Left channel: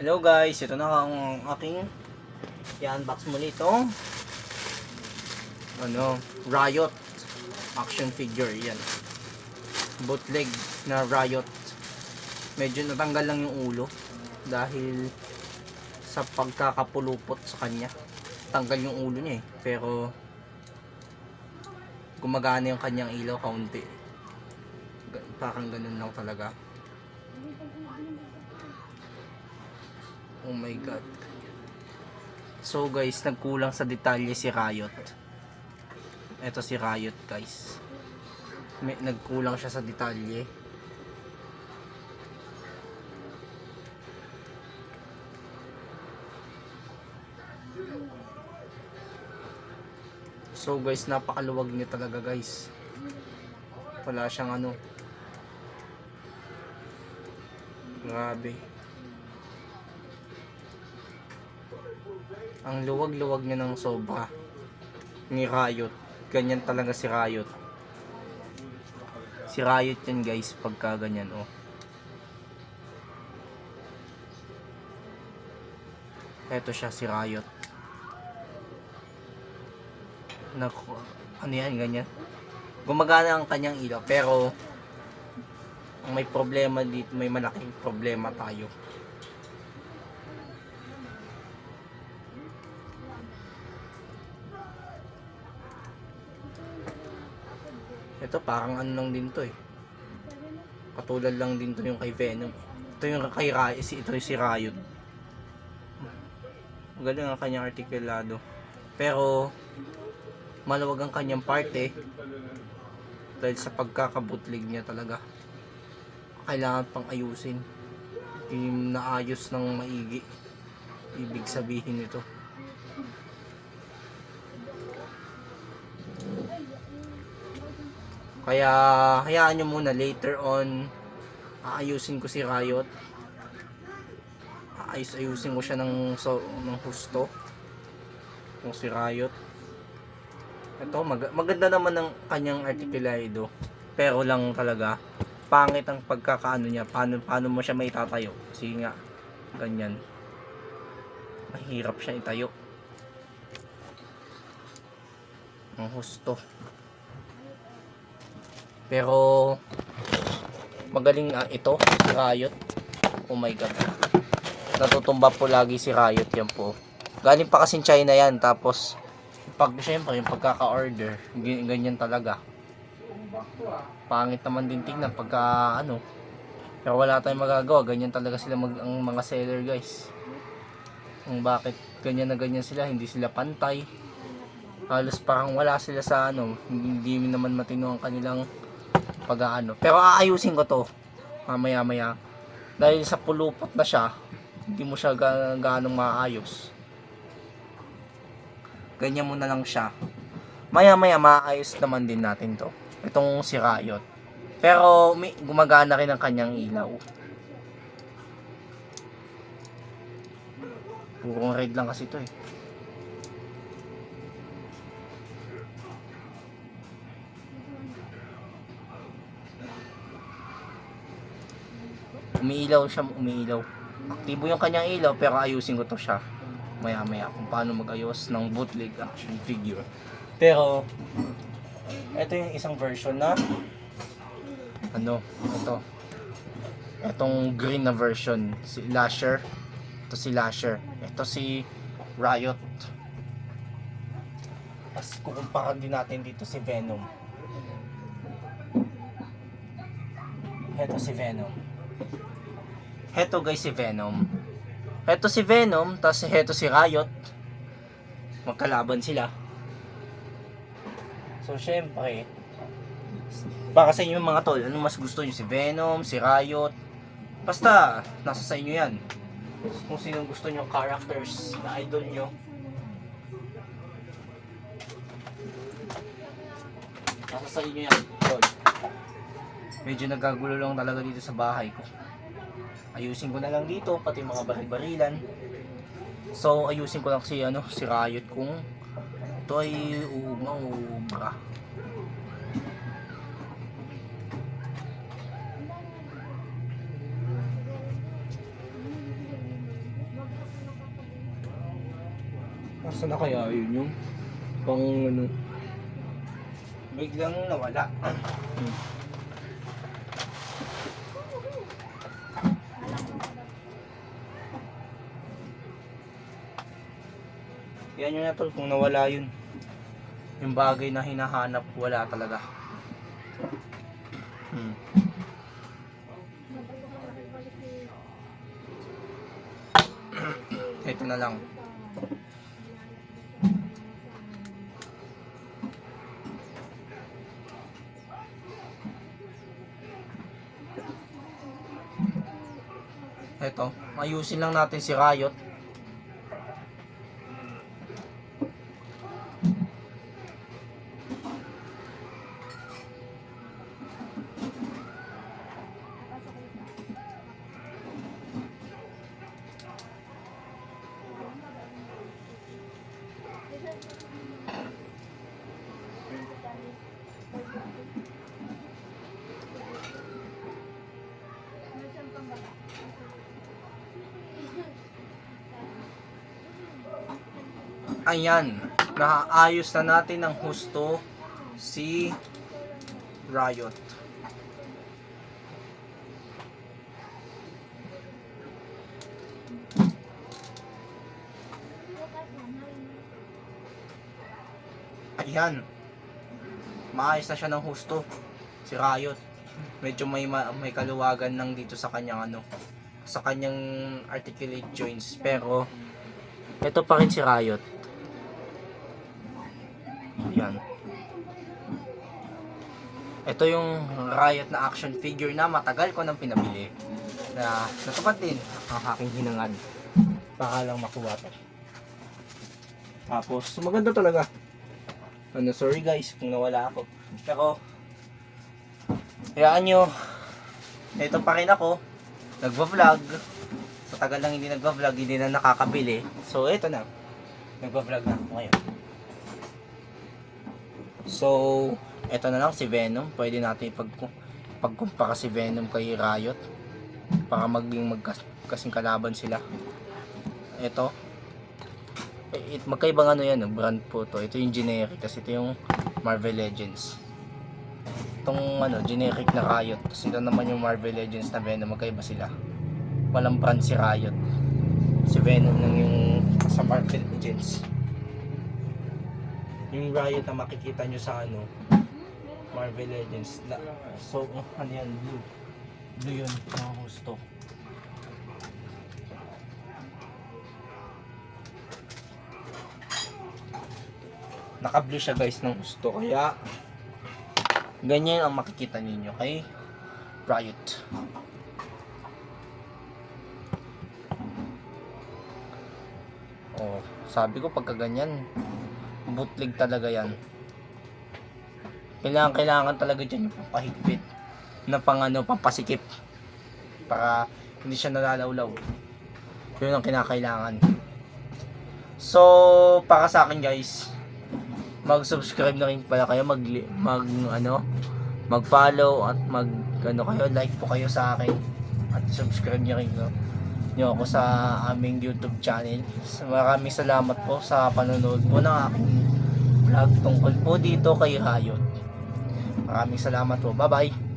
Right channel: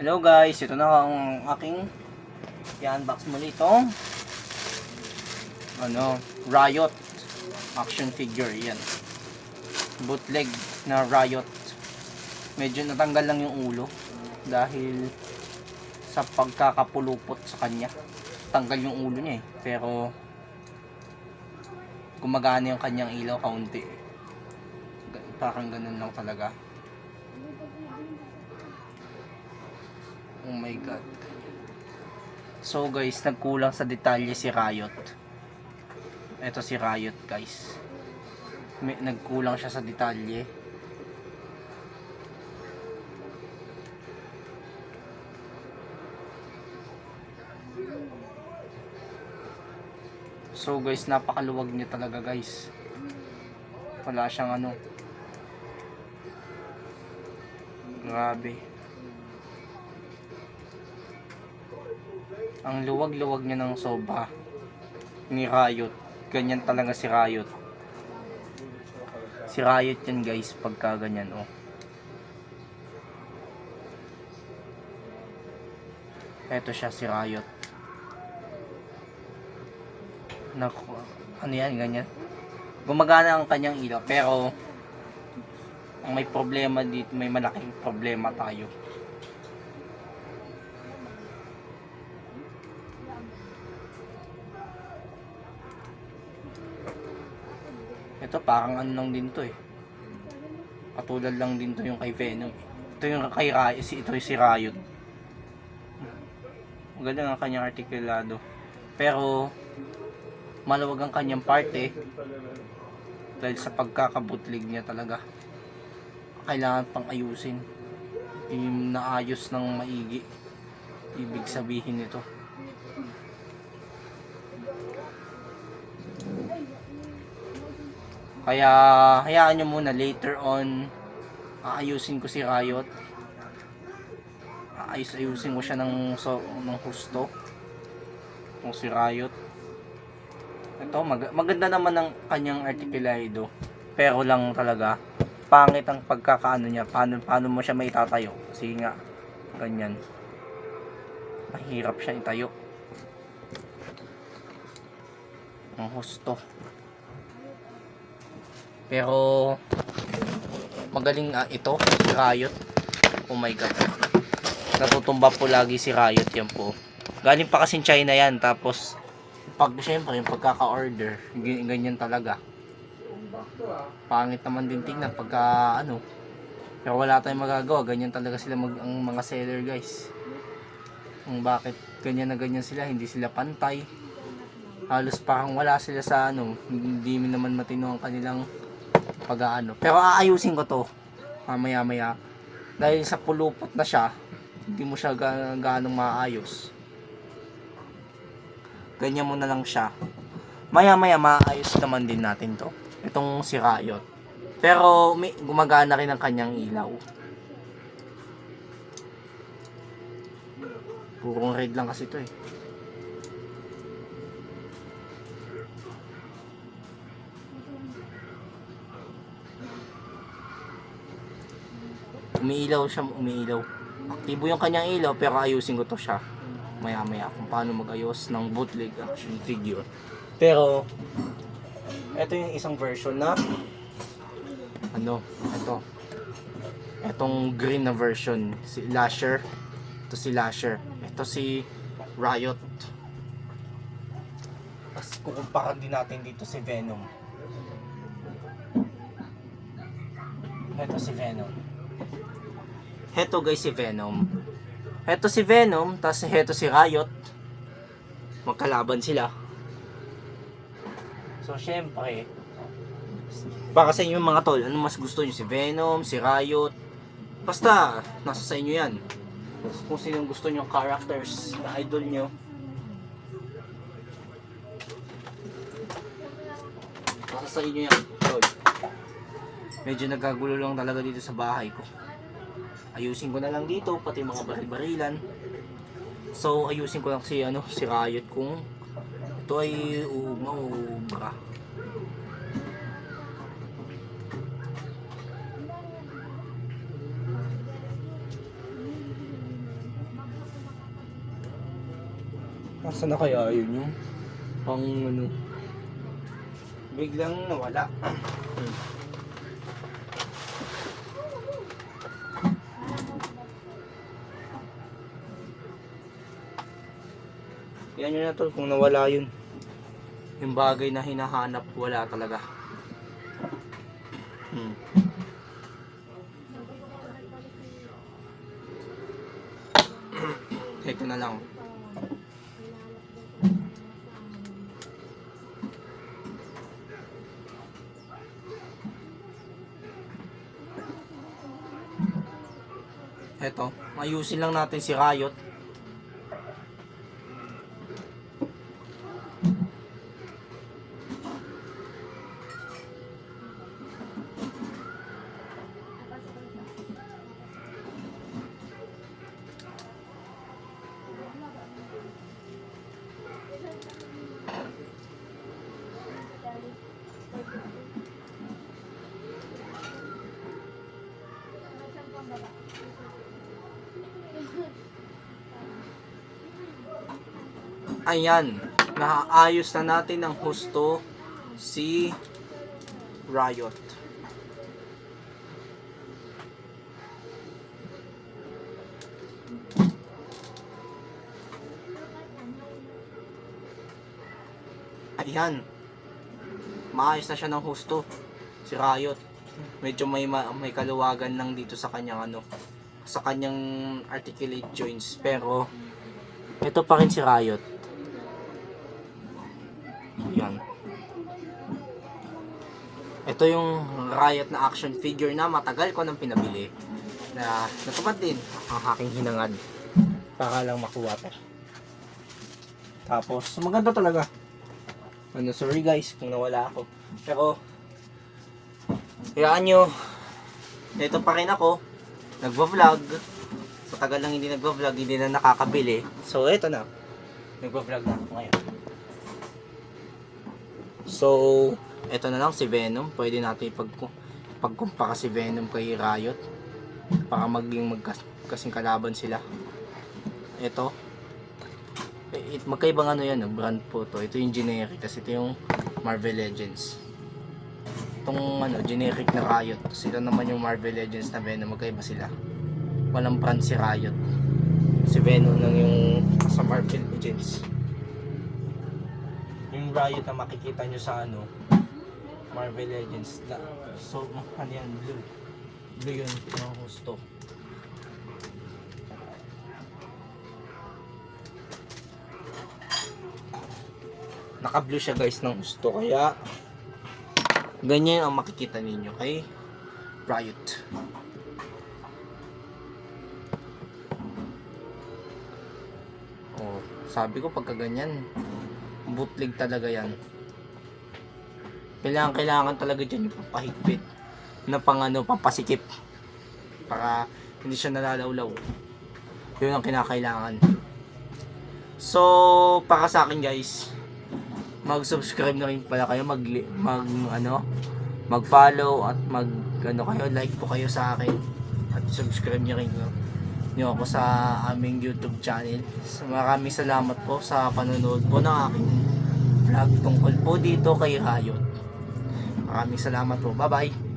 Hello guys, ito na ang aking i-unbox muli itong Riot action figure. Yan, bootleg na Riot. Medyo natanggal lang yung ulo dahil sa pagkakapulupot sa kanya. Tanggal yung ulo niya pero gumagana yung kanyang ilaw kaunti. Parang ganun lang talaga. Oh my god. So guys, nagkulang sa detalye si Riot. Ito si Riot guys. Nagkulang siya sa detalye. So guys, napakaluwag niya talaga guys. Wala siyang grabe. Ang luwag-luwag niya ng sobra ni Riot. Ganyan talaga si Riot. Si Riot yan guys pagka ganyan Eto siya si Riot. Naku, ano yan, ganyan. Gumagana ang kanyang ilaw pero ang may problema dito, may malaking problema tayo. Ito parang ano lang din to katulad lang din to yung kay Venom. Ito yung kay Riot, ito yung si Riot. Magaling ang kanyang artikulado pero maluwag ang kanyang parte dahil sa pagkakabutlig niya talaga. Kailangan pang ayusin. Yung naayos ng maigi, ibig sabihin nito. Kaya hayaan nyo muna, later on aayusin ko si Riot. Ayusin ko siya ng husto kung si Riot. Ito maganda naman ang kanyang articulado pero lang talaga pangit ang pagkakaano niya. Paano mo siya maitatayo kasi nga ganyan, mahirap siya itayo ang husto. Pero magaling ito si Riot. Oh my god, natutumba po lagi si Riot. Yan po, galing pa kasing China yan. Tapos syempre yung pagkaka-order ganyan talaga. Pangit naman din tingnan pagka pero wala tayong magagawa. Ganyan talaga sila ang mga seller guys. Kung bakit ganyan na ganyan sila, hindi sila pantay. Halos parang wala sila sa hindi naman matino ang kanilang pag-aano. Pero aayusin ko to mamaya maya dahil sa pulupot na siya, hindi mo siya ganong maayos. Ganyan mo na lang siya. Maya maya maayos naman din natin to, itong si Riot. Pero gumagana rin ang kanyang ilaw. Purong red lang kasi ito umiilaw siya, umiilaw. Aktibo yung kanyang ilaw pero ayusin ko to siya maya maya kung paano magayos ng bootleg action figure. Pero ito yung isang version na etong green na version, si Lasher. Ito si Lasher, ito si Riot. Tapos kukumparan din natin dito si Venom. Ito si Venom. Heto guys si Venom. Heto si Venom, tapos heto si Riot. Magkalaban sila. So syempre, baka sa inyo mga tol, ano mas gusto nyo, si Venom, si Riot? Basta nasa sa inyo yan. Kung sinong gusto nyo characters na idol nyo, nasa sa inyo yan tol. Medyo nagagulo lang talaga dito sa bahay ko. Ayusin ko na lang dito pati mga baril-barilan. So ayusin ko lang si Riot kung ito ay umaubra. Nasaan na kaya yun yung pang ano? Biglang nawala. Yan yun na tol, kung nawala yun. Yung bagay na hinahanap, wala talaga. Ito na lang. Ito, ayusin lang natin si Riot. Ayan, naayos na natin ng husto si Riot. Ayan, maayos na siya ng husto si Riot. Medyo may kaluwagan lang dito sa kanyang ano, sa kanyang articulate joints, pero ito pa rin si Riot. Yan. Ito yung Riot na action figure na matagal ko nang pinabili. Na natupad din ang aking hinangad. Baka lang makuha pa. Tapos, maganda talaga. Ano, sorry guys kung nawala ako. Pero, hayaan nyo, ito pa rin ako. Nagva-vlog. Sa tagal lang hindi nagva-vlog, hindi na nakakabili. So, ito na. Nagva-vlog na ako ngayon. So, ito na lang si Venom. Pwede natin pagkumpara si Venom kay Riot para maging magkasing kalaban sila. Ito. Magkaibang ano yan, brand po to. Ito yung generic, tapos ito yung Marvel Legends. Itong ano, generic na Riot. Tapos ito naman yung Marvel Legends na Venom. Magkaiba sila. Walang brand si Riot. Si Venom lang yung sa Marvel Legends. Yung Riot na makikita nyo sa ano, Marvel Legends. So, ano yan? Blue. Blue yun. Ang gusto. Naka-blue siya guys ng gusto. Kaya, ganyan ang makikita ninyo kay Riot. Oh, sabi ko pagka ganyan, bootleg talaga yan. Kailangan talaga dyan yung pampahigpit na pang ano, pampasikip para hindi siya nalalawlaw. Yun ang kinakailangan. So, para sa akin guys, mag-subscribe na rin pala kayo, mag-follow at like po kayo sa akin at subscribe niyo rin nyo ako sa aming YouTube channel. Maraming salamat po sa panonood po ng aking vlog tungkol po dito kay Riot. Maraming salamat po. Bye bye.